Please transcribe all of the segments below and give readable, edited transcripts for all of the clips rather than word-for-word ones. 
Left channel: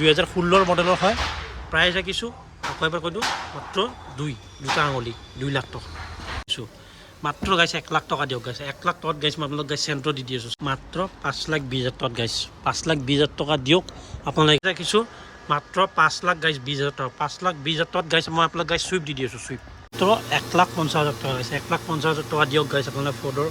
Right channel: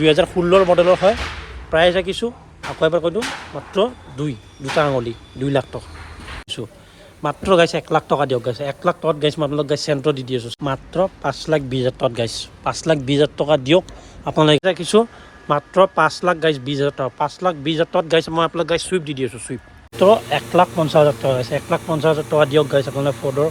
2016 মডেলৰ হয়। প্ৰাইচ ৰাখিছোঁ আকৌ এবাৰ কৈ দিওঁ মাত্ৰ দুটা আঙুলি 2 লাখ টকা দিছোঁ। মাত্ৰ গাইছে 1 লাখ টকা দিয়ক গাইছে 1 লাখ টকাত গাইছে মই আপোনালোক গাইছে চেণ্ট্ৰ দি আছোঁ মাত্ৰ 5,20,000 টকাত গাইছে 5,20,000 টকা দিয়ক আপোনালোকে ৰাখিছোঁ মাত্ৰ 5,20,000 টকা 5,20,000 টকাত গাইছে মই আপোনালোক গাইছে চুইফ্ট দি আছোঁ চুইফ্ট তো 1,50,000 টকা গাইছে 1,50,000 টকা দিয়ক গাইছে আপোনালোকে ফৰ্ডৰ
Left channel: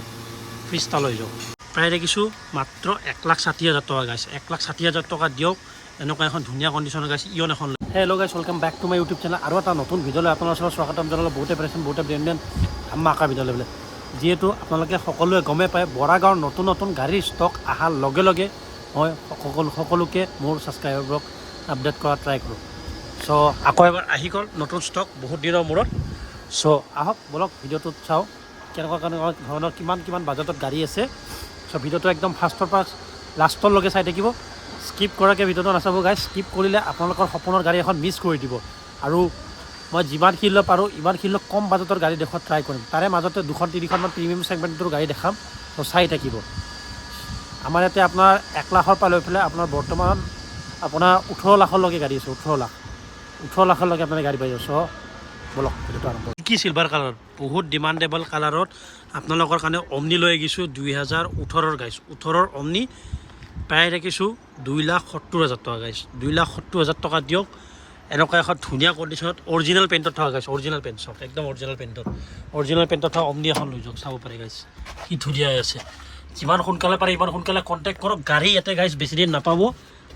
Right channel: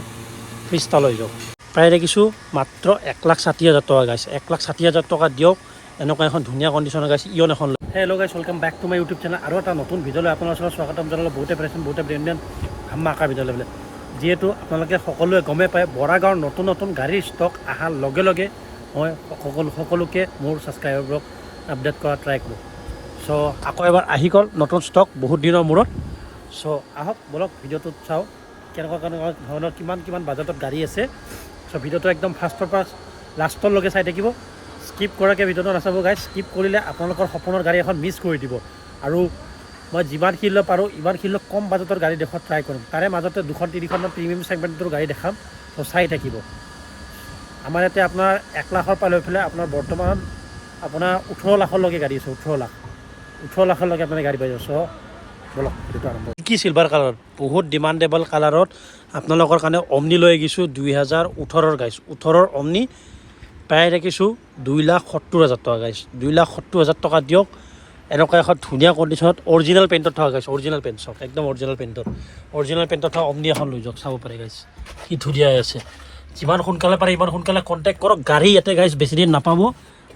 ফ্ৰিজটা লৈ যাওক। প্ৰায় ৰাখিছোঁ মাত্ৰ 1,60,000 টকা গাইছে 1,60,000 টকা দিয়ক। এনেকুৱা এখন ধুনীয়া কণ্ডিশ্যনৰ গাইছে ইয়ন এখন। Hello' guys welcome back to my YouTube channel আৰু এটা নতুন ভিডিঅ'লৈ আপোনাৰ ওচৰত স্বাগতম জনালোঁ। বহুতে পাইছেন বহুতে ব্ৰেণ্ডেড ধামাকা ভিডিঅ'লৈ বোলে। যিহেতু আপোনালোকে সকলোৱে গমেই পায় বৰাগাঁৱৰ নতুন গাড়ীৰ ষ্টক অহাৰ লগে লগে মই সকলোকে মোৰ ছাবস্ক্ৰাইবাৰবোৰক আপডেট কৰা ট্ৰাই কৰোঁ। চ' আকৌ এবাৰ আহি গ'ল নতুন ষ্টক বহুত দিনৰ মূৰত। চ' আহক বলক ভিডিঅ'টোত চাওঁ কেনেকুৱা ধৰণৰ কিমান বাজেটত গাড়ী আছে। চ' ভিডিঅ'টো একদম ফাৰ্ষ্টৰ পৰা লাষ্টলৈকে চাই থাকিব। স্কিপ কৰাকৈ ভিডিঅ'টো নাচাব গাইজ। স্কিপ কৰিলে আপোনালোকৰ সপোনৰ গাড়ী এখন মিছ কৰি দিব। আৰু মই যিমানখিনিলৈ পাৰোঁ ইমানখিনিলৈ কম বাজেটৰ গাড়ী দেখুৱাত ট্ৰাই কৰিম। তাৰে মাজতে 2-3খনমান প্ৰিমিয়াম ছেগমেণ্টৰ গাড়ী দেখাম। ত' চাই থাকিব। আমাৰ ইয়াতে আপোনাৰ 1 লাখৰ পৰা লৈ পেলাই আপোনাৰ বৰ্তমান আপোনাৰ 18 লাখলৈকে গাড়ী আছে। 18 লাখলৈকে আপোনাৰ গাড়ী পাই যাব। চ' বলক ভিডিঅ'টো আৰম্ভ কৰোঁ। কি চিলভাৰ কালাৰ বহুত ডিমাণ্ডেবল কালাৰত আপোনালোকৰ কাৰণে অমনি লৈ আহিছোঁ 2018 গাইছ 18 অমনি প্ৰায় ৰাখিছোঁ 2,70,000 টকা গাইছ 2,70,000 টকা দিয়ক। এনেকুৱা এখন ধুনীয়া কণ্ডিশ্যনত অৰিজিনেল পেইণ্টত থকা গাইছ অৰিজিনেল পেইণ্ট চব একদম অৰিজিনেল পেইণ্টত থকা অমনি এখন লৈ যাওক। চাব পাৰে গাইছ কি ধুনীয়া আছে। যিমান সোনকালে পাৰে ইমান সোনকালে কণ্টেক্ট কৰক। গাড়ী ইয়াতে গাইছ বেছি দিন নাপাব।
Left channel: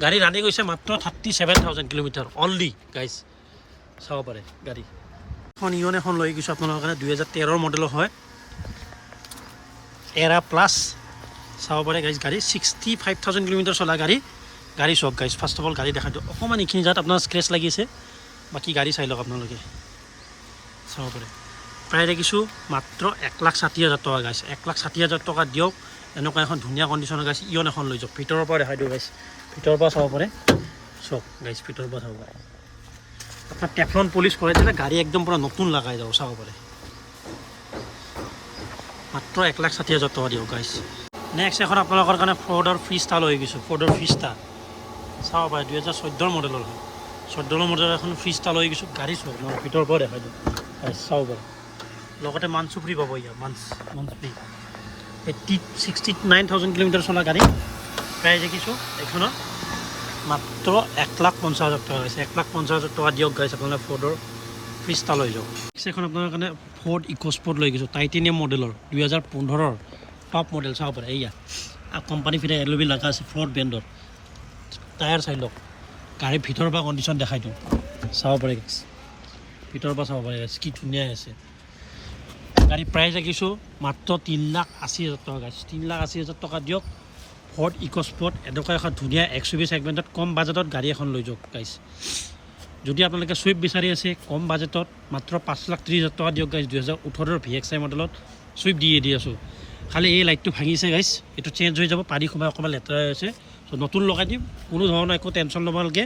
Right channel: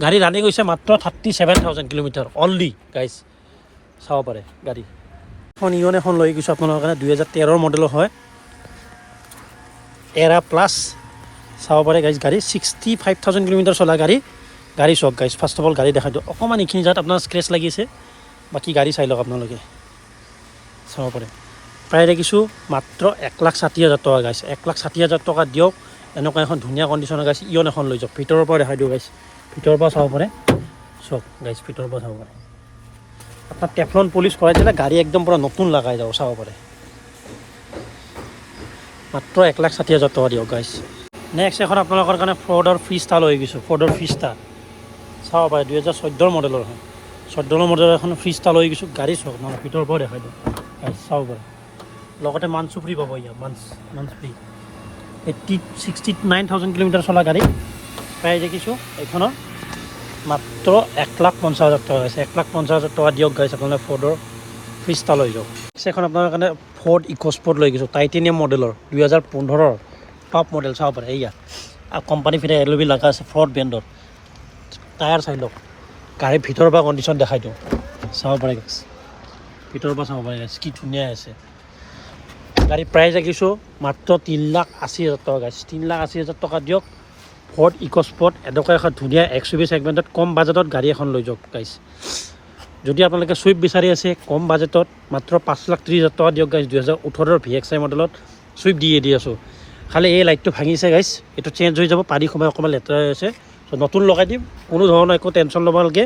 গাড়ী ৰানিং হৈছে মাত্ৰ 37,000 কিলোমিটাৰ অনলি গাইছ। চাব পাৰে গাড়ী এখন ইয়ন এখন লৈ গৈছোঁ আপোনালোকৰ কাৰণে 2013 মডেলৰ হয় এৰা প্লাছ। চাব পাৰে গাইজ গাড়ী 65,000 কিলোমিটাৰ চলা গাড়ী চাওক গাইজ। ফাৰ্ষ্ট অফ অল গাড়ী দেখাই দিওঁ অকণমান এইখিনি যাত আপোনাৰ স্ক্ৰেচ লাগিছে বাকী গাড়ী চাই লওক আপোনালোকে চাব পাৰে। প্ৰায় ৰাখিছোঁ মাত্ৰ 1,60,000 টকা গাইছ 1,60,000 টকা দিয়ক। এনেকুৱা এখন ধুনীয়া কণ্ডিশ্যনৰ গাইছ ইয়ন এখন লৈ যাওক। ভিতৰৰ পৰা দেখাই দিওঁ গাইছ ভিতৰৰ পৰা চাব পাৰে চব গাইছ ভিতৰৰ পৰা চাব পাৰে। আপোনাৰ টেফলন পলিচ কৰাই দিলে গাড়ী একদম পূৰা নতুন লগাই যাব। চাব পাৰে মাত্ৰ 1,60,000 টকা দিয়ক গাইছ। নেক্সট এখন আপোনালোকৰ কাৰণে ফৰ্ডৰ ফ্ৰিজটা লৈ গৈছোঁ। ফৰ্ডৰ ফ্ৰিজটা চাব পাৰে 2014 মডেলৰ হয় 14 মডেলৰ এখন ফ্ৰিজটা লৈ গৈছোঁ। গাড়ী চাওক মই ভিতৰৰ পৰা দেখাই দিওঁ চাব পাৰে। লগতে মান্থছো ফ্ৰী পাব ইয়াৰ মান্থ ফ্ৰী 69,000 কিলোমিটাৰ চলা গাড়ী প্ৰায় দেখিছোঁ এইখনৰ মাত্ৰ 1,50,000 টকা হৈছে 1,50,000 টকা দিয়ক গাইছ আপোনালোকে ফৰ্ডৰ ফ্ৰিজটা লৈ যাওক। এখন আপোনাৰ কাৰণে ফৰ্ড ইক'স্পৰ্ট লৈ গৈছোঁ টাইটেনিয়াম মডেলৰ 2015 টপ মডেল চাব পাৰে। এয়া কোম্পানী ফিৰে LOB লগা আছে ফৰ্ড ব্ৰেণ্ডৰ। টায়াৰ চাই লওক গাড়ীৰ ভিতৰৰ পৰা কণ্ডিশ্যন দেখাই দিওঁ চাব পাৰে গাইছ ভিতৰৰ পৰা চাব পাৰে গাইছ কি ধুনীয়া আছে। গাড়ী প্ৰাইচ ৰাখিছোঁ মাত্ৰ 3,80,000 টকা গাইছ 3,80,000 টকা দিয়ক। ফৰ্ড ইক'স্পৰ্ট এনেকুৱা এখন ধুনীয়া XUV ছেগমেণ্টত কম বাজেটত গাড়ী এখন লৈ যাওক গাইছ। যদি আপোনালোকে চুইফ্ট বিচাৰি আছে কম বাজেটত মাত্ৰ 5,30,000 টকা দিয়ক গাইছ। 2018 VXI মডেলত চুইফ্ট দি আছোঁ। খালি এই লাইটটো ভাঙিছে গাইছ এইটো চেঞ্জ হৈ যাব পানী সময় অকণমান লেতেৰা হৈ আছে। চ' নতুন লগাই দিম কোনো ধৰণৰ একো টেনশ্যন ল'ব নালাগে।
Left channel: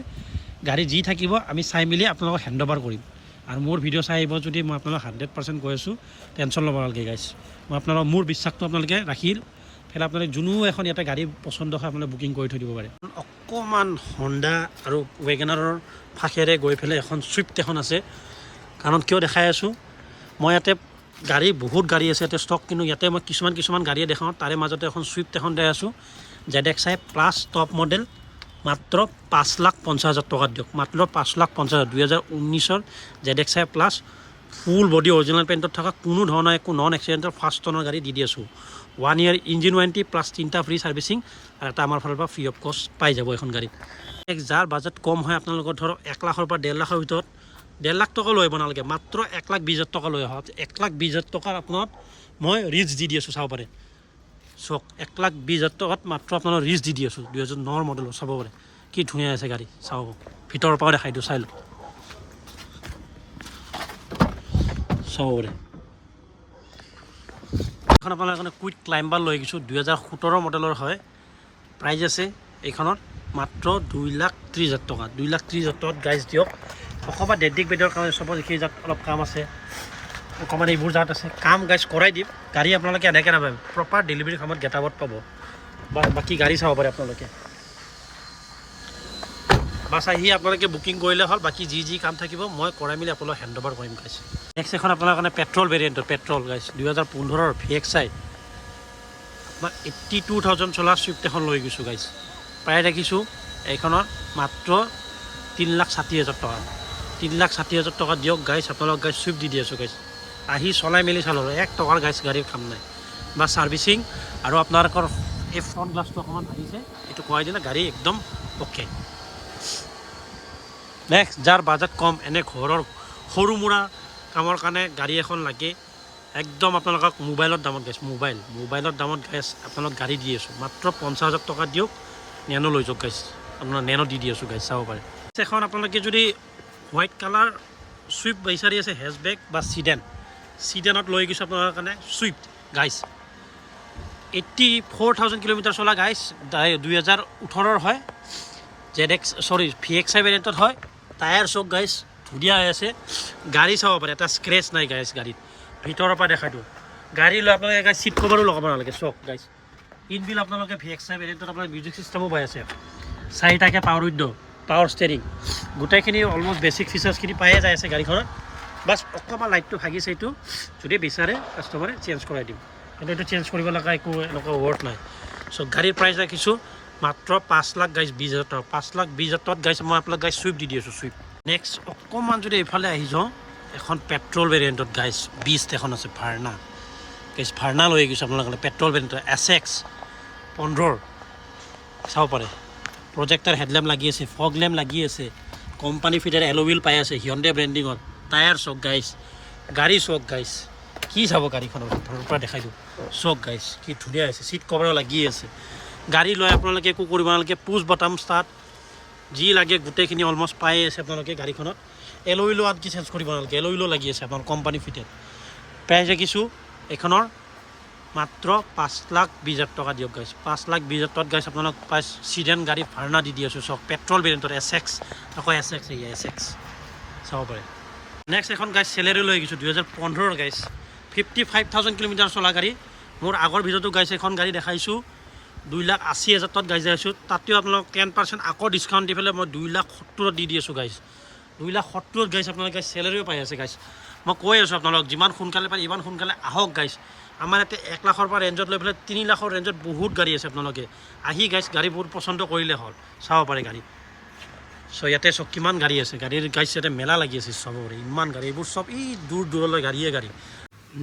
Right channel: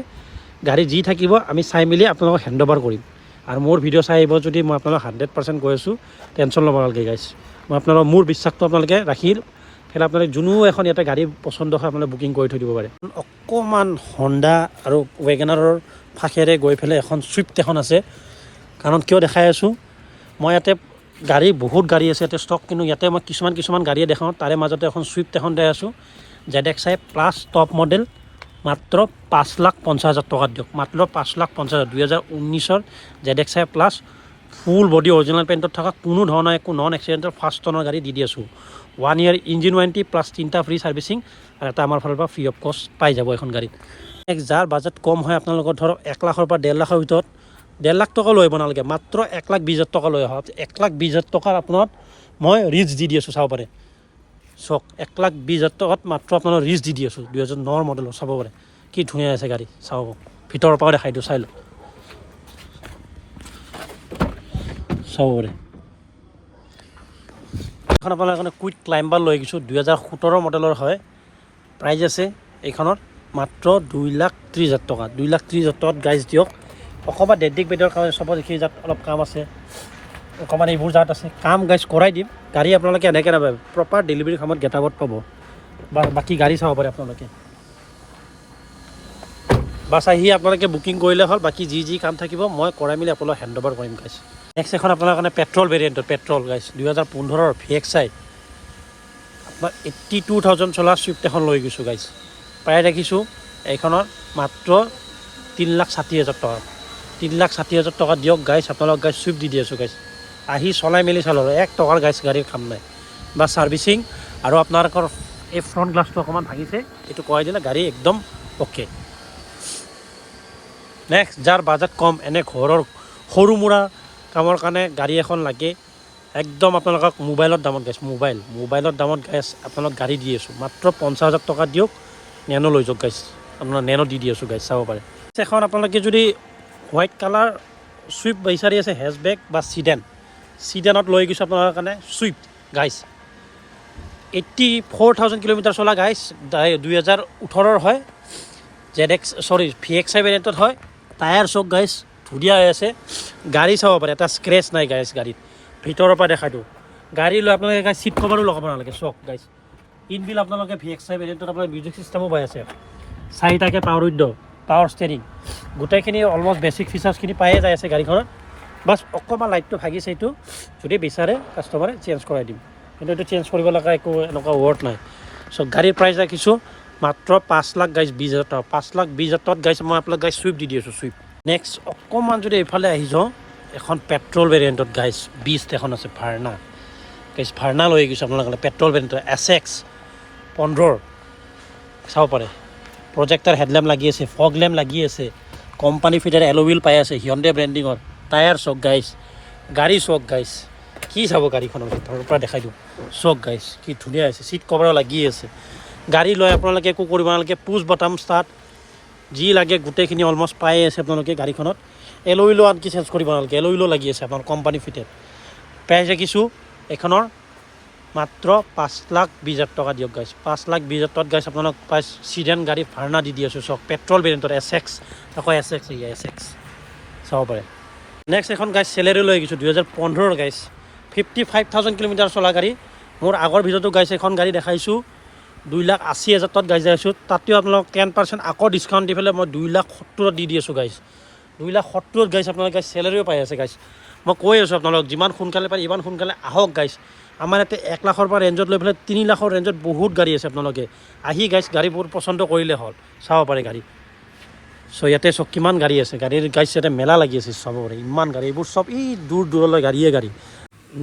গাড়ী যি থাকিব আমি চাই মেলি আপোনালোকক হেণ্ড অভাৰ কৰিম। আৰু মোৰ ভিডিঅ' চাই আহিব যদি মই আপোনালোকক 100% কৈ আছোঁ টেনশ্যন ল'ব নালাগে গাইছ। মই আপোনালোকৰ মোৰ বিশ্বাসটো আপোনালোকে ৰাখি ফেলে আপোনালোকে যোনো এখন ইয়াতে গাড়ী পচন্দ হয় আপোনালোকে বুকিং কৰি থৈ দিব পাৰে। অকণমান হণ্ডা আৰু ৱেগনাৰৰ ফাঁকেৰে গৈ পেলাই এখন চুইফ্ট এখন আছে। কাৰণ কিয় দেখাই আছোঁ মই ইয়াতে গাড়ী বহুত গাড়ী আছে ইয়াতে ষ্টক। কিন্তু ইয়াতে মই কিছুমান গাড়ীয়ে দেখাওঁ তাৰে মাজতে এখন চুইফ্ট এখন দেখাই আছোঁ ZXI প্লাছ টপ মডেল মাত্ৰ 5,50,000 টকাত দিয়ক মাত্ৰ 5,50,000 2019 ZXI plus full body original পেইণ্টত থকা কোনো ধৰণৰ একো নন এক্সিডেণ্টেল ফাৰ্ষ্ট টনৰ গাড়ী দি আছোঁ। 1 year ইঞ্জিন ৱাৰেণ্টি প্লাছ 3টা ফ্ৰী ছাৰ্ভিচিং আৰু এটা আমাৰ ফালৰ পৰা ফ্ৰী অফ কষ্ট পাই যাব এখন গাড়ীত। যাৰ বাজেট কম হয় আপোনালোকৰ ধৰক 1 লাখৰ পৰা 1.5 লাখৰ ভিতৰত 1.5 লাখ টকা লৈ আহিব নালাগে মাত্ৰ 1,20,000 টকা লৈ আহক। 1,20,000 টকাৰ আপোনাক মই ৰিচ দি আছোঁ চাব পাৰে চক 1,20,000 টকাত মাত্ৰ আপোনালোক ৰিচ দি আছোঁ 2009 মডেলৰ চাব পাৰে কি ধুনীয়া আছে গাড়ী চাব ভিতৰৰ পৰা দেখাই দিওঁ চাই লওক চাব পাৰে। এখন আপোনাৰ কাৰণে কুইক ক্লাইম্বাৰ লৈ গৈছোঁ 2017 মডেলৰ হয়। প্ৰাইজ আছে এইখনত মাত্ৰ 2,30,000 টকা 2,30,000 টকাত গাইজ দিয়ক। অকণমান ডেণ্টিং বেডৰ কাৰণে চব এইখিনি যাত অলপ কাম আছে অকণমান এইবোৰ যাত আছে কাম গাইজ কৰাই দিম। গাড়ী আপোনালোকে এনেকৈ নাপায় প্ৰপাৰ ডেলিভাৰী সময়ত গেটাবত পাব। বাকী গাড়ী চাব পাৰে আপোনালোকে বাছ আহি আপোনালোকে বুকিং কৰিলে হ'ল, বাকী যি কাম থাকিব মই কৰাই মেলি আপোনালোকক হেণ্ড অভাৰ কৰিম গাইছ। নেক্সট এখন আপোনাৰ কাৰণে পেট্ৰল ভেৰিয়েণ্টৰ পেট্ৰল গাইছ 2015 VXI আপোনাৰ 82,000 চলা চুইফ্ট এখন লৈ গৈছোঁ গাইছ। প্ৰায় ৰাখিছোঁ এইখনৰ মাত্ৰ 3,60,000 টকা। 3,60,000 টকা দিয়ক গাইছ, আপোনালোক গাইছ চুইফ্ট দি আছোঁ গাইছ। আহি চলাই মেলি চালোঁ 1 টকাৰ গাইছ গাড়ীৰ কাম নাই, বা ছাৰ্ভিচিং আৰু আপোনালোকৰ এই ফ্ৰণ্ট গ্লাছটো অকণমান ভাঙিছে, এইটো কৰাই দিলে গাড়ী একদম অ'কে। নেক্সট যাৰ বাজেট কম, এনে ঘৰৰ সৰু মুৰা কামৰ কাৰণে গাড়ী এখন লাগে, একদম আপোনালোকক মোবাইলৰ দামত গাইছ, মোবাইলৰ দামত গাইছ আপোনালোক গাড়ী দি আছোঁ মাত্ৰ 50,000 টকা দিয়ক, নেনো লৈ যাওক গাইছ। আপোনাৰ নেনো দি আছোঁ গাইছ, চাব পাৰে। এখন আপোনালোকে যদি হোৱাইট কালাৰ চুইফ্ট বিচাৰি আছে হেচবেক বা চিডেনত লৈ গৈছোঁ আপোনালোকৰ কাৰণে চুইফ্ট গাইছ। 84,000 কিলোমিটাৰ চলা গাইছ, 2018 হয়, VXI ভেৰিয়েণ্টত হয়। টায়াৰ চক গাইছ ধুনীয়া হৈ আছে, গাড়ী চাব পাৰে, এটা স্ক্ৰেচ নাই গাইছ গাড়ীত। ভিতৰৰ পৰা দেখাই দিওঁ, গাড়ী লৈ আপোনালোকে গাইছ চিট কভাৰো লগাব নালাগে, চক গাইছ। ইনবিল আপোনালোকে VXI ভেৰিয়েণ্টত আপোনাৰ মিউজিক চিষ্টেমো পাই আছে, 4টাকৈ পাৱাৰ ষ্টেৰিং, গোটেইখিনি অলমষ্ট বেছিক ফিচাৰ্ছখিনি পায়ে যাই আছে গাড়ীখনত। বাছ অকণমান লাইটটো ভাগিছে, এইটো যদি বিচাৰে কাষ্টমাৰে চেঞ্জ কৰাই দিম, কিন্তু এইটো চেঞ্জ কৰিব লগা একো এনেকুৱা ৱৰ্ড নাই। চ' গাড়ীৰ প্ৰাইচ ৰাখিছোঁ মাত্ৰ 5,20,000 টকা। 5,20,000 টকাত গাইছ মই আপোনালোক গাইছ চুইফ্ট দি আছোঁ, চুইফ্ট। নেক্সট অকণমান যদি এইফালে আহি যাওঁ, এখন পেট্ৰল ভেৰিয়েণ্টত গাইছ 20 এখন আছে, ভাৰ্না লৈ গৈছোঁ আপোনালোকে পেট্ৰল ভেৰিয়েণ্টত SX 15 চাব পাৰে। প্ৰজেক্টাৰ হেডলেম্প লাগি আছে, ফগ লেম্প লাগি আছে, কোম্পানী ফিটাৰ এল'উইল পাই আছে, হিয়ণ্ডে ব্ৰেণ্ডিঙৰ। টায়াৰ চক গাইছ, গাড়ী চক গাইছ, কি চাব গাড়ীখনৰ ভিতৰৰ পৰা দেখাই দিওঁ, চক গাইছ কি ধুনীয়া হৈছে, চিট কভাৰো লাগি আছে। গাড়ী লৈ আপোনালোকে একো কৰিব নালাগে, পুছ বটাম ষ্টাৰ্ট যি লাগে গোটেইখিনি অলমষ্ট পাই আছে আপোনালোকে গাড়ীখনত। এল'উইলো আনকি চেঞ্জ কৰিব নালাগে, এল'উইলো লাগি আছে আপোনাৰ কোম্পানী ফিটেড। প্ৰাইচ ৰাখিছোঁ এইখনৰ মাত্ৰ 5,20,000 টকা দিয়ক গাইছ। 5,20,000 টকাত গাইছ আপোনালোক পাই চিডেন গাড়ী ভাৰ্না দি আছোঁ, চক পেট্ৰল ভেৰিয়েণ্টৰ SX, আকৌ SX চাব পাৰে। নেক্সট এখন গাইছ চেলেৰি লৈ গৈছোঁ 2015 গাইছ, 55,000 কিলোমিটাৰ চলা গাড়ী। মোৰ আগৰ ভিডিঅ'টো গাইছ এখন গাড়ী দেখাইছোঁ 2,80,000 টকাত গাইছ যাইছোঁ, তাতেও আপোনালোক 10% আকৌ ডিছকাউণ্ট দি পেলাই মই 2,70,000 দি আছোঁ গাইছ। 2,70,000 গাইছ আপোনালোক গাইছ চেলেৰিও পাই আছে গাইছ। মই কৈ আছোঁ আপোনালোক যিমান সোনকালে পাৰে ইমান সোনকালে আহক গাইছ। আমাৰ ইয়াতে 1 লাখৰ পৰা ৰেঞ্জত লৈ পেলাই 3 লাখৰ ৰেঞ্জত বহুত গাড়ী আছে, আপোনালোকে আহি গাইছ গাড়ীবোৰ পচন্দ কৰিলে হ'ল, চাব পাৰে গাড়ী। চ' ইয়াতে চব কিমান গাড়ী আছে, গাড়ীৰ গাইছ ইয়াতে মেলা লাগি আছে, চাব পাৰে ইমান গাড়ী, এইবোৰ চব দূৰলৈ গাড়ী।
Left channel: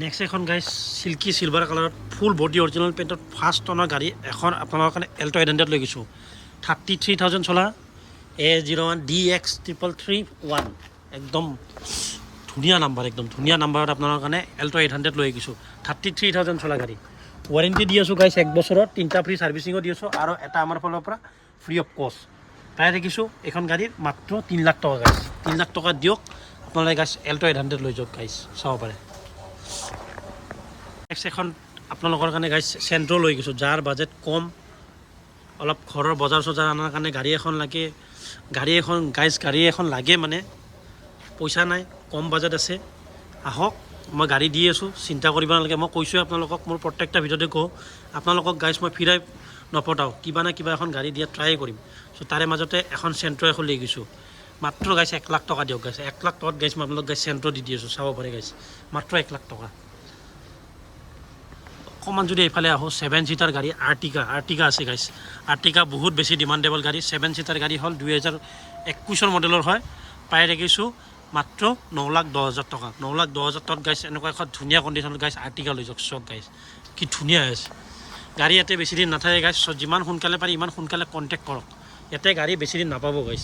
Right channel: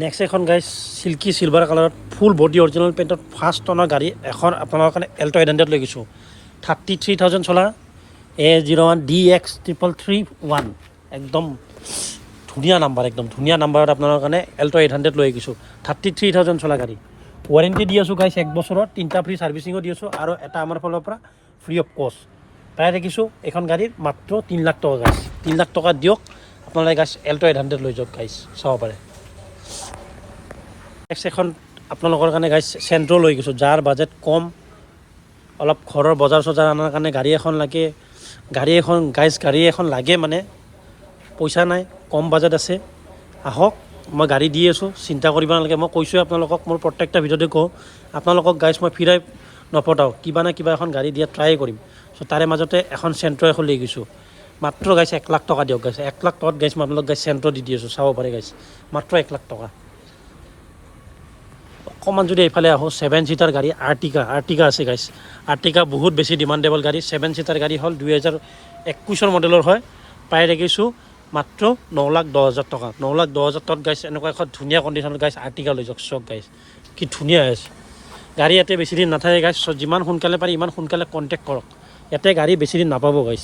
নেক্সট এখন গাইছ চিল্কি চিলভাৰ কালাৰত ফুল বডি অৰিজিনেল পেইণ্টত 1st টনৰ গাড়ী এখন আপোনালোকৰ কাৰণে এল্টো 800 লৈ গৈছোঁ। 33,000 চলা A01 DX 333 একদম ধুনীয়া নাম্বাৰ, একদম ধুনীয়া নাম্বাৰত আপোনালোকৰ কাৰণে এল্টো 800 লৈ গৈছোঁ। 33,000 চলা গাড়ী, ৱাৰেণ্টি দি আছোঁ গাইছ 1 বছৰৰ, 3টা ফ্ৰী ছাৰ্ভিচিঙো দি আছোঁ, আৰু এটা আমাৰ ফালৰ পৰা ফ্ৰী অফ কষ্ট। প্ৰায় দেখিছোঁ এইখন গাড়ীৰ মাত্ৰ 3 লাখ টকা গাইছ। 3 লাখ টকা দিয়ক আপোনালোকে গাইছ এল্টো 800 লৈ যাওক গাইছ, চাব পাৰে। নেক্সট এখন আপোনালোকৰ কাৰণে গাইছ চেণ্ট্ৰ' লৈ গৈছোঁ, যাৰ বাজেট কম, অলপ ঘৰৰ বজাৰ চজাৰ আনাৰ কাৰণে গাড়ী এখন লাগে, গাড়ী এখন লাগে মানে পইচা নাই, কম বাজেট আছে, আহক মই গাড়ী দি আছোঁ, চিন্তা কৰিব নালাগে। মই কৈছোঁ আপোনালোকক, মোৰ প্ৰত্যেকটা ভিডিঅ'তে কওঁ আপোনালোকক গাইছ মই ফিৰাই নপঠাওঁ, কিবা না কিবা এখন গাড়ী দিয়া ট্ৰাই কৰিম। চ' তাৰে মাজতে এখন চেণ্ট্ৰ' এখন লৈ গৈছোঁ, মাত্ৰ গাইছ 1 লাখ টকা দিয়ক গাইছ। 1 লাখ টকাত গাইছ মই আপোনালোক গাইছ চেণ্ট্ৰ' দি আছোঁ, চাব পাৰে গাইছ, মাত্ৰ 1 লাখ টকা। অকণমান যদি এইফালে আহোঁ 7 ছিটাৰ গাড়ী আৰ্টিকা আছে গাইছ। আৰ্টিকা বহুত বেছি ডিমাণ্ডেবল গাড়ী, 7 ছিটাৰ গাড়ী হ'ল, 2021 মডেলৰ হয়। পাই ৰাখিছোঁ মাত্ৰ 9,10,000 টকা। 9,10,000 টকাত গাইছ এনেকুৱা এখন ধুনীয়া কণ্ডিশ্যনত গাইছ আৰ্টিকা লৈ যাওক, চক গাইছ কি ধুনীয়া আছে। গাড়ী ইয়াতে বেছি দিন নাথাকে গাইছ, চ' যিমান সোনকালে পাৰি ইমান সোনকালে কণ্টেক্ট কৰক, ইয়াতে গাড়ী বেছি দিন নাপাব গাইছ।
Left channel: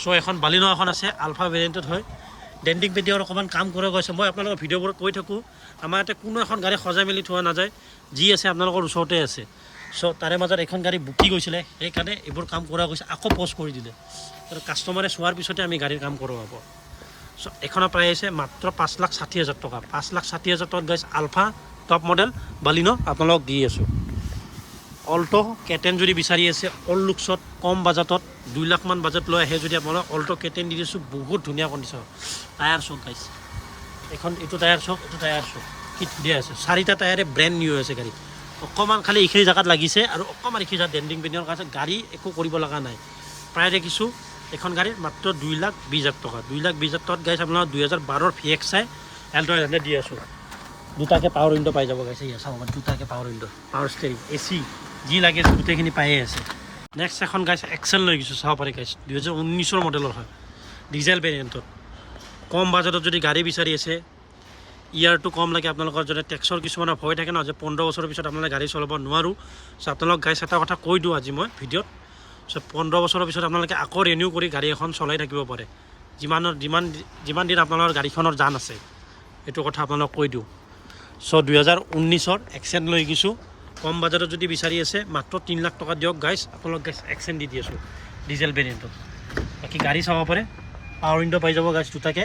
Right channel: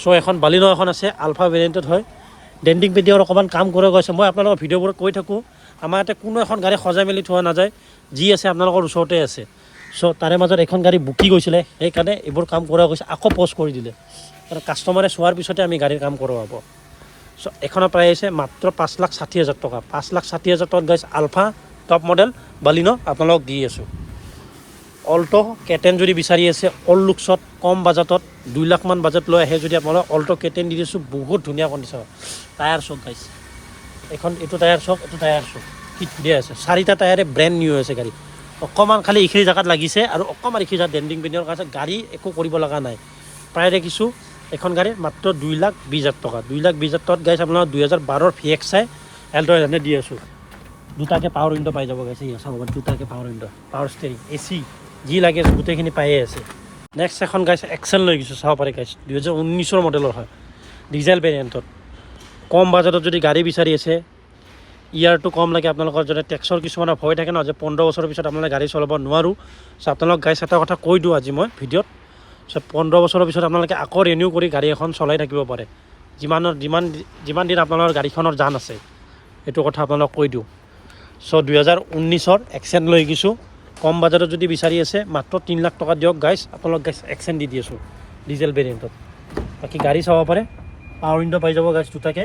চ' এখন বালিনো এখন আছে, আলফা ভেৰিয়েণ্টত হয়, ডেণ্টিং পেণ্টিঙৰ অকণমান কাম কৰা গৈছে। মই আপোনালোকৰ ভিডিঅ'বোৰত কৈ থাকোঁ, আমাৰ ইয়াতে কোনো এখন গাড়ী সজাই মেলি থোৱা নাযায়, যি আছে আপোনালোকৰ ওচৰতে আছে। চ' তাৰে মাজত এখন গাড়ী বুকি গৈছিলে, সেইকাৰণে এইবোৰ কাম কৰা গৈছে, আকৌ পষ্ট কৰি দিলে, কাৰণ কাষ্টমাৰে চোৱাৰ পিছতে আমি গাড়ীৰ কাম কৰোৱাব। চ' এখনৰ প্ৰাইচ আছে মাত্ৰ 5,60,000 টকা। 5,60,000 টকাত গাইছ আলফা টপ মডেল বালিনো আপোনালোকক দি আছোঁ। অল্টো কেটেন যদি বিচাৰি আছে অল্ড লুকছত কম বাজেটত, 2 লাখমান বাজেট লৈ আহে যদি আপোনালোক অল্টো কেটেন দি দিছোঁ, বহুত ধুনীয়া কণ্ডিশ্যনত। টায়াৰ চক গাইছ, এইটো টায়াৰ চক, এইটো টায়াৰ চক কি ধুনীয়া আছে, 4টা টায়াৰে ব্ৰেণ্ড নিউ আছে গাড়ী। অকণমান খালি এইখিনি জেগাত লাগিছে, আৰু অকণমান এইখিনি জেগাত ডেণ্টিং পেণ্টিঙৰ কাৰণে গাড়ী একো কৰিব লগা নাই। প্ৰায় দেখিছোঁ এখন গাড়ীৰ মাত্ৰ 2,20,000 টকা 2,20,000 টকাত গাইছ আপোনাৰ 2012 VXI এল্টো এনে দি আছোঁ দুটাকে পাৱাৰ উইণ্ডো পাই যাব গাইছে ইয়া চাব দুটাকে power window power steering AC যি লাগে গোটেইখিনি পায়ে আছে নেক্সট এখন গাইছে এক্সেল লৈ গৈছোঁ চাব পাৰে গাইছ 2019 মডেলৰ হয় ডিজেল ভেৰিয়েণ্টত কম বাজেটত যদি গাড়ী বিচাৰি আছে ইয়াৰটো কম লাগে আপোনালোকৰ যদি টেক্সৰ কিছুমানৰ ভয় থাকে ন যে 15 বছৰৰ পিছত আপোনালোকে গাড়ী চলাব নোৱাৰোঁ চ' আপোনালোক গাইছ এটা কথা কৈ দিওঁ আজি মই ভিডিঅ'ত চ' 15 বছৰৰ পিছত আপোনালোকে আকৌ ৰিনিউ কৰি গাড়ী এখন চলাই থাকিব পাৰে যিমান দিন আপোনালোকৰ গাড়ীখনৰ জান আছে এইটো কথা আপোনালোক কৈ দিওঁ চ' 2019 এক্সেণ্ট লৈ গৈছোঁ কম বাজেটত যদি বিচাৰি আছে মাত্ৰ 3 লাখ টকা দিয়ক গাইছ আপোনালোক গাইছ এক্সেণ্ট দি আছোঁ ডিজেল ভেৰিয়েণ্টত বাকী গাড়ী চাব পাৰে পাৱাৰ উইণ্ডো পাই যাব গাইছ দুটাকে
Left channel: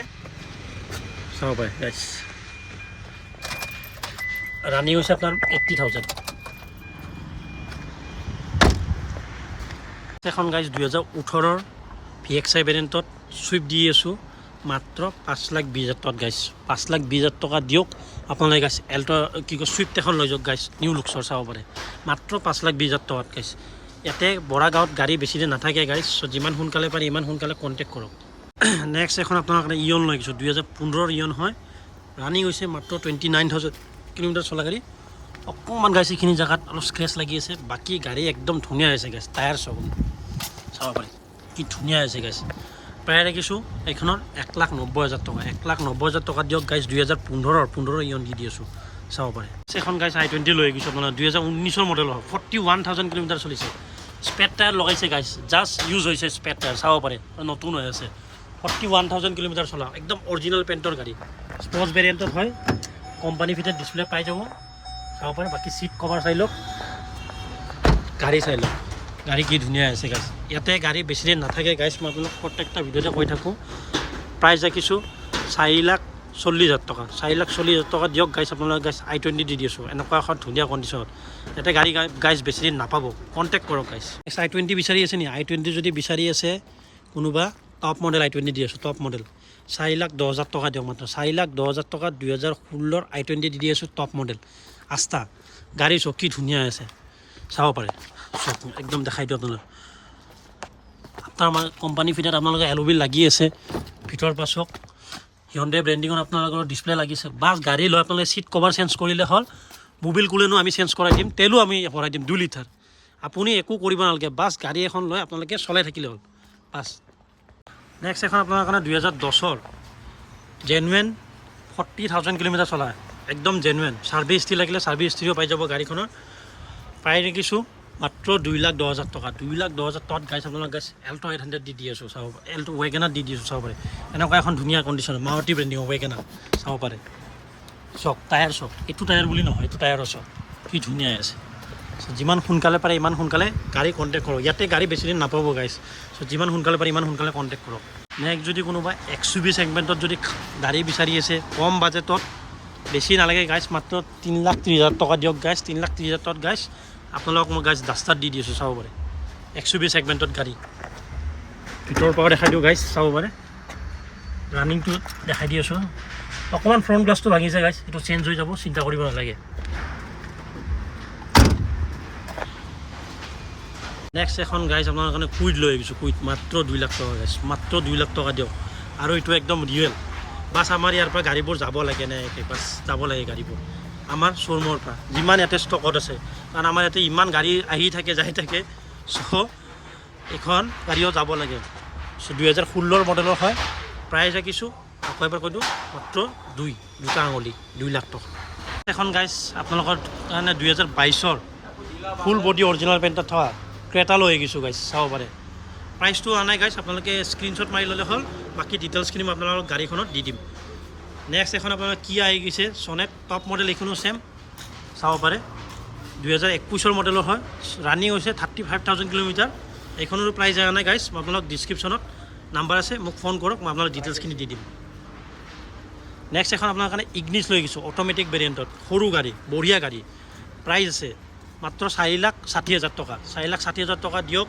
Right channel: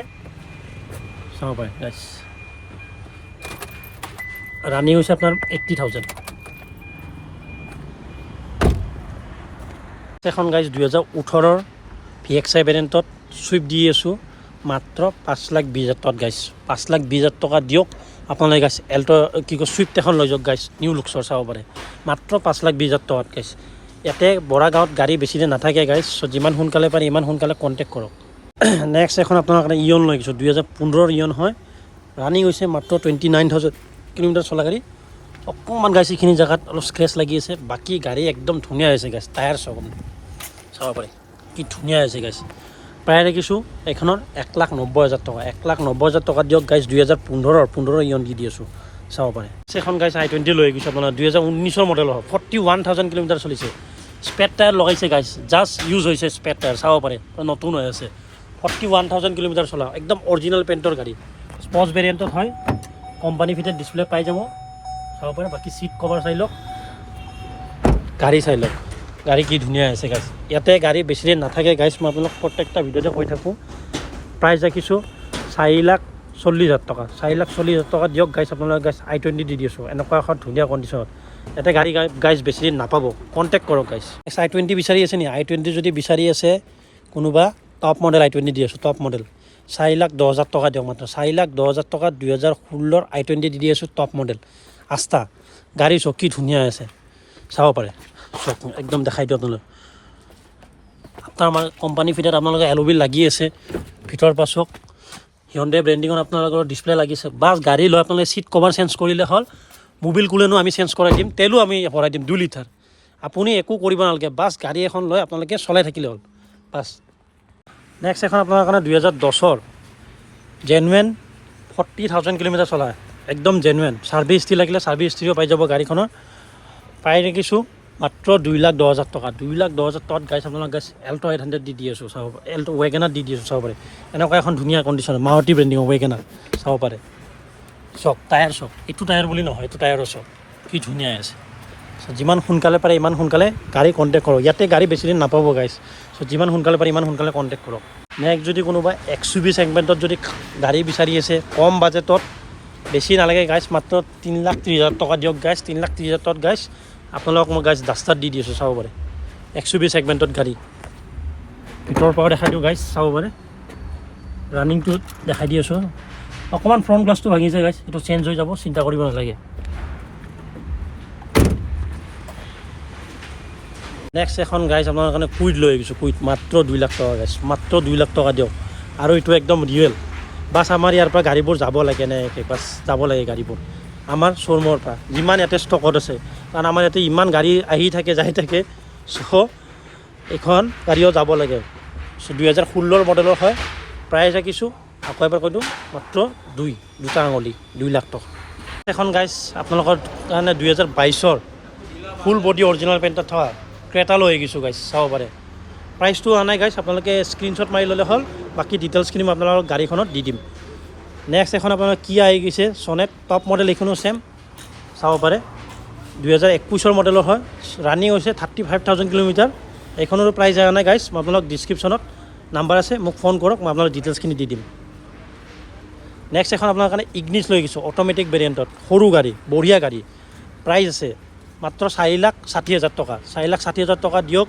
চাব পাৰে গাইছ ৰানিং হৈছে আপোনাৰ 80,000 এখন গাইছ 2018 VXI ভেৰিয়েণ্টত চুইফ্ট দি আছোঁ মাত্ৰ 5,20,000 টকাত গাইছ 5,20,000 টকা দিয়ক আপোনালোকে গাইছ এল্টো কি কয় চুইফ্ট এখন লৈ যাওক গাইছ নিউ লুকছৰ চাব পাৰে মাত্ৰ 5,20,000 টকাত গাইছ ইয়াতে বৰা গাঁৱত গাড়ী বেছি দিন নাথাকে গাইছ চ' যিমান সোনকালে পাৰে ইমান সোনকালে কণ্টেক্ট কৰক নেক্সট এখন আপোনাৰ কাৰণে ইয়ন লৈ গৈছোঁ 2015 ইয়ন হয় ৰানিং হৈছে মাত্ৰ 29,000 কিলোমিটাৰ চলা গাড়ী অকণমান গাইছ এইখিনি জেগাত অলপ স্ক্ৰেচ লাগি আছে বাকী গাড়ী একদম ধুনীয়া হৈছে গাইছ টায়াৰ চাব পাৰে কি ধুনীয়া হৈছে গাইছ প্ৰায় দেখিছোঁ এইখনৰ 1,90,000 টকা 1,90,000 টকা দিয়ক গাইছ 2015 ইয়ন দি আছোঁ চাব পাৰে এখন গাইছ i20 লৈ গৈছোঁ আপোনাৰ 2019 মডেলৰ হয় 41,000 কিলোমিটাৰ চলিছে স্পেৰ টায়াৰ লগাইছে গাইছ জাষ্ট ইউজ হৈছে স্পেৰ টায়াৰ চাব পাৰে নতুন হৈ আছে 41,000 কিলোমিটাৰ চলা একদম অৰিজিনেল পেইণ্টৰ গাড়ী স্পৰ্টছ ভেৰিয়েণ্টত হয় কোম্পানী ফিটেড ডিছপ্লে পাই যাব চাব পাৰে বাকী চিট কভাৰ চাই লওক গাড়ী চাই লওক গাড়ী কি ধুনীয়া আছে গাইছ ইয়াতে গাড়ী বেছি দিন নাথাকে গাইছ মই আপোনালোক প্ৰত্যেকটা ভিডিঅ'তে কৈ থাকোঁ প্ৰাইচ ৰাখিছোঁ 4,40,000 টকা 4,40,000 টকা দিয়ক গাইছ আপোনালোকে গাইছ i20 দি আছোঁ এনেকুৱা এখন ধুনীয়া কণ্ডিশ্যনত ইয়াতে গাড়ী গাইছ বেছি দিন নাপাব কণ্টেক্ট কৰক গাইছ i20 বিচাৰি আছে নি i20 যদি বিচাৰি আছে কোনোবা টপ মডেল i20 দি আছোঁ টপ মডেল 4,10,000 টকা দিয়ক মাত্ৰ 4,10,000 টকাত 2016 i20 দি আছোঁ টপ মডেল আস্থা গাড়ী চকী ধুনীয়া আছে চাব পাৰে চক একদম দেখাই দিওঁ আপোনালোক আমাৰ কোম্পানী ফিটেড আপোনালোকে এল'বিল লাগি আছে ভিতৰ পাছক হিয়ণ্ডে ব্ৰেণ্ডিঙত আপোনালোকৰ ডিছপ্লে লাগিছে বাছ গাড়ী লৈ আপোনালোকে চিট কভাৰ চেঞ্জ কৰিলে হ'ল মোবিল কোলেনো আমি চেঞ্জ কৰাই দিম তেলো আমি ভৰাই দিম 2 লিটাৰ আপুনি একো কৰিব নালাগে বাছ গাড়ী এখন লৈ আপোনালোকে চলাই থাকিলে হ'ল বাছ নেক্সট এখন আপোনাৰ কাৰণে 2010 জেনুৱেন 40,000 কিলোমিটাৰ চলা একদম জেনুৱেন ছাৰ্ভিচ হিষ্ট্ৰী লাগিলে ছাৰ্ভিচ হিষ্ট্ৰীও পাই যাব গাড়ীখনৰ প্ৰায় দেখিছোঁ মাত্ৰ 2,10,000 টকা 2,10,000 টকাত গাইছ আপোনালোক গাইছ এল্টো 800 দি আছোঁ চাব এল্টো ৱেগেনাৰ দি আছোঁ চাব পাৰে এনেকুৱা এখন ধুনীয়া কণ্ডিশ্যন মাৰুতি ব্ৰেণ্ডিং ৱেগেনাৰ চাব পাৰে চক টায়াৰ চক এইটো টায়াৰ বুলি নহয় এইটো টায়াৰৰ চক কি ধুনীয়া আছে চ' যিমান সোনকালে পাৰে ইমান সোনকালে গাড়ী কণ্টেক্ট কৰক ইয়াতে গাড়ী বেছি দিন নাপাব গাইছ চ' যিমান সোনকালে পাৰে ইমান সোনকালে কণ্টেক্ট কৰক নেক্সট যদি কোনোবা XUV ছেগমেণ্টত যদি গাড়ী বিচাৰি আছে কম বাজেটত বেছি নালাগে গাইছ মাত্ৰ 3,30,000 টকা দিয়ক গাইছ 3,30,000 টকাত গাইছ আপোনালোকক মই গাইছ ডাষ্টাৰ দি আছোঁ চাব পাৰে XUV ছেগমেণ্টত গাড়ী ভিতৰৰ পৰা দেখাই দিওঁ গাইছ চাব পাৰে ৰানিংটো দেখাই দি আছোঁ অকণমান ফ্ৰণ্ট গ্লাছটো ভাঙিছে গাইছ এইটো চেঞ্জ হৈ যাব চিন্তা কৰিব নালাগে নেক্সট এখন গাইছ আপোনাৰ কাৰণে কুইড লৈ আহিছোঁ কুইড মাত্ৰ 2 লাখ টকা গাইছ মাত্ৰ 2 লাখ টকা দিয়ক আৰু এইটো একদম ৰিয়েল বাছ আমাৰ ইয়াৰ পৰা গাড়ীবোৰ যাব লাগে নে বাছ যাব লাগে গাড়ীবোৰ আমাৰ শ্ব'ৰুমৰ পৰা যিমান ইয়াতে ষ্টকত আছে কাৰণ আমাৰ ইয়াতে ইমান গাড়ী আহি থাকে যাই থাকে চ' এইখন গাড়ীও যাব লাগে চ' 2016 মডেলৰ হয় প্ৰাইচ ৰাখিছোঁ আকৌ এবাৰ কৈ দিওঁ মাত্ৰ দুটা আঙুলি 2 লাখ টকা এখন গাইছ আপোনালোকৰ কাৰণে 2022 ফুল বডি অৰিজিনেল পেইণ্টত থকা ক্ৰেটা লৈ আহিছোঁ গাইছ চাব পাৰে প্ৰাইচটো অহা নাই গাইছ আপোনালোকে স্ক্ৰীনশ্বট মাৰি ল'লে হ'ল বাকী ডিটেইলছখিনি মই আপোনালোকক গাড়ীখনত দি দিম নেক্সট এখন আপোনাৰ কিয়া আহি গৈছে ছনেট টপ মডেল এইখনো ছেম চাব পাৰে 2021 মডেলৰ হয় ৰানিং হৈছে 35,000 কিলোমিটাৰ এইখনৰো প্ৰাইচ অহা নাই গাইছ মই আপোনালোক ডিছক্ৰিপশ্যনত নাম্বাৰ আছে মোক ফোন কৰক মই আপোনালোক ডিটেইলছখিনি দি দিম নেক্সট এখন আপোনাৰ কাৰণে ইগনিছ লৈ গৈছোঁ অট'মেটিক ভেৰিয়েণ্টত সৰু গাড়ী বঢ়িয়া গাড়ী প্ৰাইচ আছে মাত্ৰ 4,60,000 টকা 4,60,000 টকা দিয়ক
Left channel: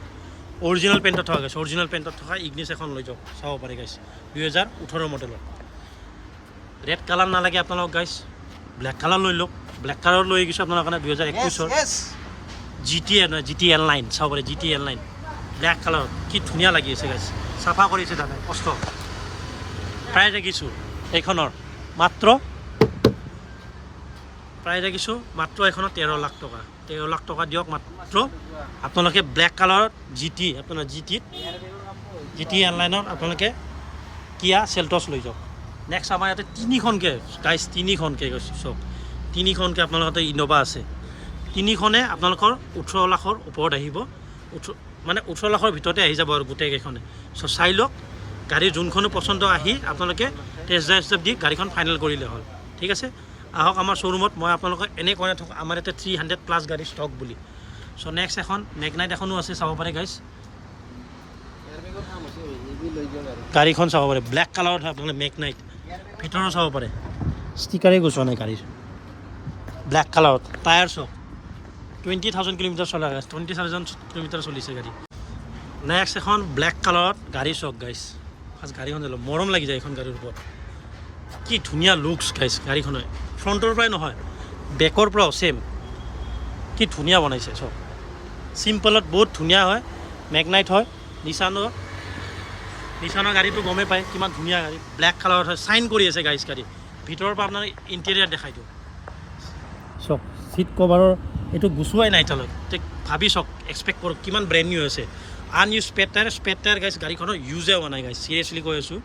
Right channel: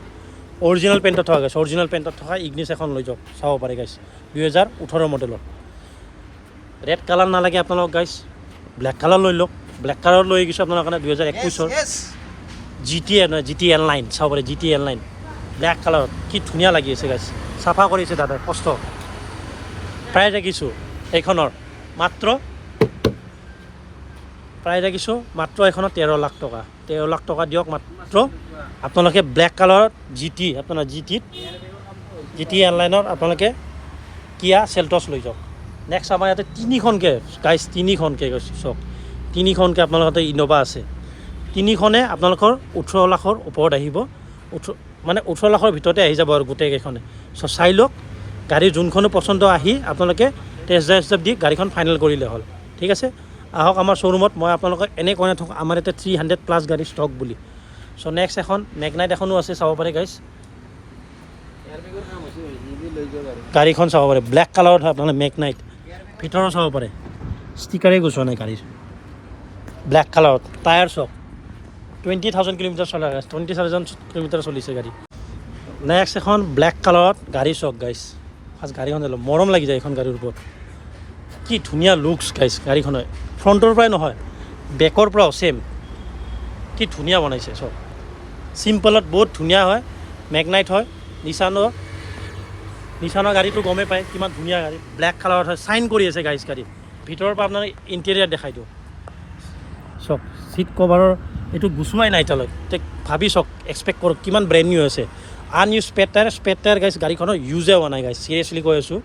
অৰিজিনেল পেইণ্টত থকা গাইছ অৰিজিনেল পেইণ্টত থকা ইগনিছ এখন লৈ যাওক চাব পাৰে গাইছ 2018 মডেলৰ ৰেড কালাৰ নালাগে আপোনালোক গাইছ ব্লেক কালাৰ লৈ লওক ব্লেক কালাৰ লৈ গৈছোঁ আপোনাৰ কাৰণে 2021 GT N9 চাব পাৰে GT N9 ব্লেক কালাৰত কি ধুনীয়া লাগি আছে গাইছ চাফা কৰিছে দাদা কষ্ট প্ৰায় দেখিছোঁ এইখনৰ মাত্ৰ প্ৰায় দেখিছোঁ মাত্ৰ এইখনত 13 লাখ টকা 13 লাখ টকা দিয়ক মাত্ৰ আপোনালোকে ব্লেক কালাৰত আপোনাৰ জি টি এয়াৰলাইনৰ আপোনালোকে কিয়া চেল্টছ লৈ যাওক নেক্সট আমাৰ ইয়াতে তিনিখনকৈ কৈছোঁ চাওক তিনিখনকৈ আপোনালোকৰ ইন'ভা আছে তিনিখনে আপোনালোকৰ 18 লাখৰ ওপৰত আহিব 18 লাখৰ ভিতৰতে আহি যাব আৰু গোটেইকেইখনে চাই লওক গাড়ী যোনখনো পচন্দ আহি আপোনালোকে টেষ্ট ড্ৰাইভ দি গাড়ীখন ফাইনেল কৰিলে হ'ল ঠিক আছে আহক আমাৰ শ্ব'ৰুমত মই আপোনালোকক এনেই কৈ নাথাকোঁ আমাৰ ইয়াতে 300+ গাড়ী ষ্টক বুলি চ' নেক্সট এখন মেগনাইট এখনো আছে চাব পাৰে গাইছ গাড়ীখন চাব পাৰে ব্লেক কালাৰত হয় আপোনালোকে মেগনাইট ভিতৰত চাব পাৰে ষ্টিকাৰেই গুচোৱা নাই গাড়ীৰ ব্লেক কালাৰত টায়াৰ চাওক 20,000 কিলোমিটাৰ চলা 20,000 কিলোমিটাৰ চলিছে গাড়ী নেক্সট এখন ব্লেক কালাৰত গাড়ী চাওক গাইছ ফাৰ্ষ্ট গাড়ীখন মৰম লাগি যায় এইখন গাড়ীৰ ওপৰত কি ধুনীয়া লুকছ গাইছ গাড়ীখনৰ ফ্ৰণ্টৰ পৰাই নহয় বেকৰ পৰাও ছেম কি ধুনীয়া বনাইছে চব চিম্পলত বহুত ধুনীয়া হয় মেগনাইট হয় নিচানৰ গাড়ীটো গমেই পায় কিমান ধুনীয়া গাড়ী ব্লেক কালাৰত হয় চাইন কৰি আছে গাইছ গাড়ী ভিতৰৰ পৰা আপোনাৰ ইণ্টেৰিয়াৰ দেখাই দিওঁ চাওক চিট কভাৰৰ এইটো গুচোৱাই নাই এতিয়ালৈকে ভাবি চাওক এক্সপেক্ট কৰক কিমান ব্ৰেণ্ড নিউ আছে আনইউজ স্পেৰ টায়াৰ গাইছ গাড়ীখনৰ ইউজে হোৱা নাই গাইছ চিৰিয়াছলি কৈ আছোঁ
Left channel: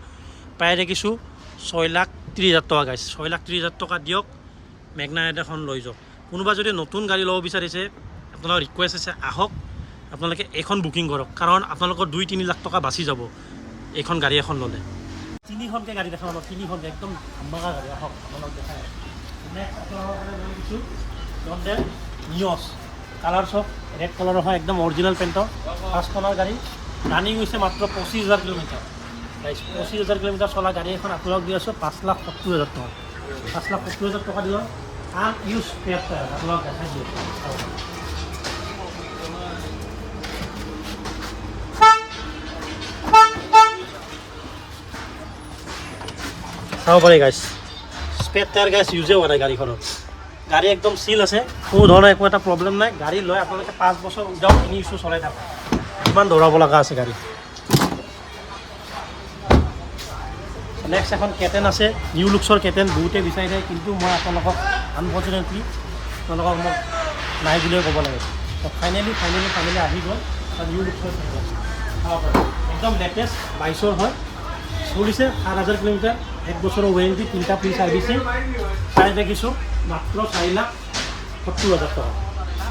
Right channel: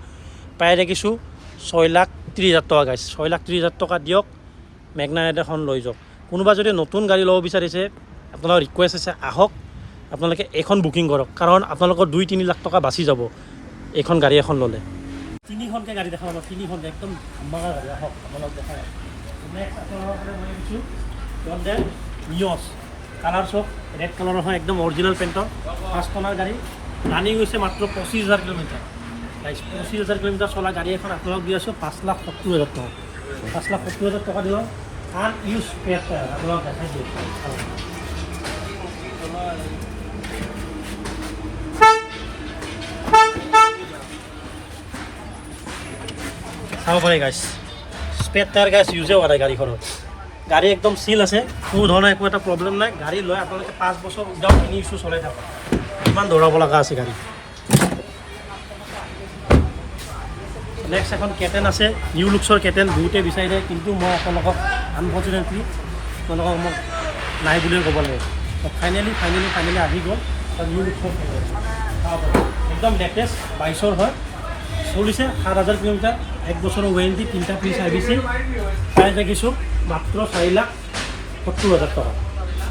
প্ৰায় দেখিছোঁ 6,30,000 টকা গাইছ 6,30,000 টকা দিয়ক মেগনাইট এখন লৈ যাওক কোনোবা যদি নতুন গাড়ী ল'ব বিচাৰিছে আপোনালোকৰ ৰিকুৱেষ্ট আছে আহক আপোনালোকে এইখন বুকিং কৰক কাৰণ আপোনালোকৰ 2-3 লাখ টকা বাচি যাব এইখন গাড়ী এখন ল'লে তিনিখনকৈ গাড়ী দেখাম আমাক তিনিখনকৈ একদম ধামাকা গাড়ী আহক আপোনালোক দেখাই নেক্সট আপোনালোকৰ কাৰণে লৈ গৈছোঁ লণ্ডন নিয়ছ কালাৰ চক ৰেড কালাৰৰ হয় একদম অৰিজিনেল পেইণ্টৰ ফাৰ্ষ্ট কৰ্নাৰ গাড়ী ৰানিং হৈছে মাত্ৰ 25,000 কিলোমিটাৰ 25,000 কিলোমিটাৰ চলা গাড়ী এখন আপোনালোক দি আছোঁ 5,70,000 টকা 5,70,000 টকা দিলোঁ আনইউজ স্পেৰ টায়াৰ আপোনালোক দেখাই দিয়ে চাব পাৰি গাইছ স্পেৰ টায়াৰ গাইছ ইউজে হোৱা নাই গাড়ীখনত গাড়ী একদম চিল আছে কোনো ধৰণৰ একো এটা প্ৰব্লেম নাই গাড়ী লৈ আপোনালোকে 5 বছৰ উইদাউট এনি ইছ্যু চলাই থাকক ইমান দৌৰাব লগা আছে গাড়ী নেক্সট এখন কেটেন আছে নিউ লুক্সৰ কেটেন বহুতে বিচাৰি থাকে কিন্তু মই আপোনালোকক আনফৰ্চুনেটলি আপোনালোকক মোক নাই বুলিয়ে ক'ব লাগে ফাইনেলি আহি গ'ল নিউ লুক্সৰ কেটেন চাব পাৰে একদম লেটেষ্ট 22ৰ হয় চলিছে 7,000 কিলোমিটাৰ 1 বছৰৰ ৱাৰেণ্টি 3টা ফ্ৰী ছাৰ্ভিচিং প্ৰাইচ দেখিছোঁ মাত্ৰ 4,70,000 টকা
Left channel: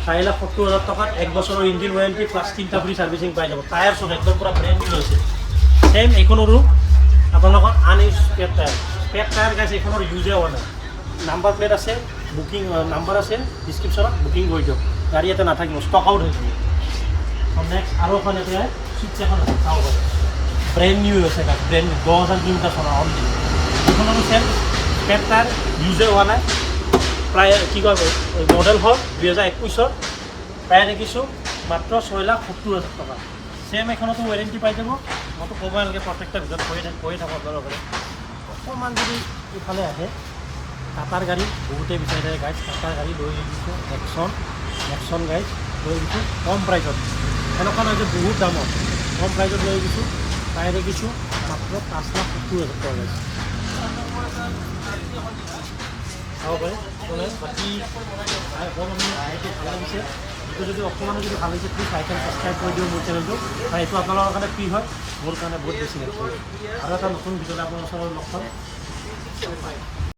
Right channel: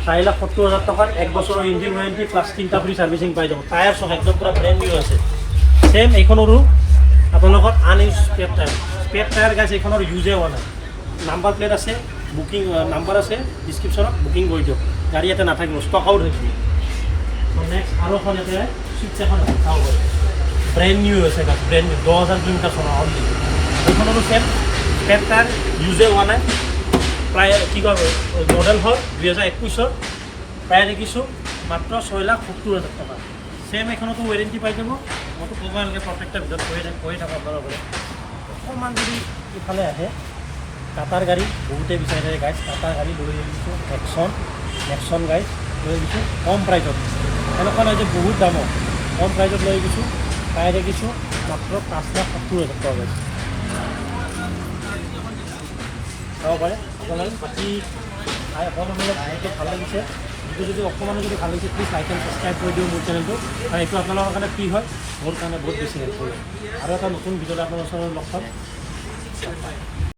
4,70,000 টকাত 1 বছৰৰ ইঞ্জিন ৱাৰেণ্টি প্লাছ 3টা ফ্ৰী ছাৰ্ভিচিং পাই যাব টায়াৰ চব একদম পূৰা ব্ৰেণ্ড নিউ আছে ছেম এইখনৰো আপোনালোকৰ আনইউজ স্পেৰ টায়াৰ গাইছ এইখনৰ ইউজে হোৱা নাই নাম্বাৰ প্লেট আছে বুকিং নাম্বাৰ আছে ডিছক্ৰিপশ্যনত বুকিং কৰি দিয়ক গাড়ী ইয়াতে নাথাকিব ষ্টক আউট হৈছে নেক্সট আৰু এখন ইয়াতে চিটছ এখন চাব পাৰে ব্ৰেণ্ড নিউ আছে গাছ ব্ৰেণ্ড নিউ 10,000 কিলোমিটাৰ চলা অনলি এইখনৰো ছেম স্পেৰ টায়াৰ ইউজে হোৱা নাই প্ৰায় কি কয় মডেল হ'ল 2021ৰ প্ৰায় দেখিছোঁ মাত্ৰ 6,70,000 টকা ছেম এখনতো ৱাৰেণ্টি পাই যাব মইতো ক'ব নালাগে প্ৰত্যেকটা ভিতৰত কৈ থাকোঁ আপোনালোকে অকণমান যদি ইফালে আহে টাটাৰ গাড়ী বহুতে বিচাৰি থাকে গাইছ টাটাৰ গাড়ী লৈ দিছোঁ নেক্সন গাড়ী লৈ দিছোঁ কম প্ৰাইজত এনেকুৱা নহয় যে বহুত দামত কম প্ৰাইজত লৈ গৈছোঁ প্ৰায় দেখিছোঁ মাত্ৰ 5,70,000 টকা গাইছ চাব পাৰে অকণমান বাকী ভালকৈ ভাল লাগিছে ভিডিঅ' যদি অকণমানো যদি ভাল লাগিছে প্লিজ লাইক এণ্ড ছাবস্ক্ৰাইব কৰি দিওঁ মোৰ চেনেলটো কাৰণ এইটো আপোনালোকৰ কাৰণে ফ্ৰী হয় মোৰ কাৰণে বহুত বেছি হেল্প কৰে আৰু এটা নতুন ভিডিঅ'লৈ আপোনাৰ ওচৰত লগ পাম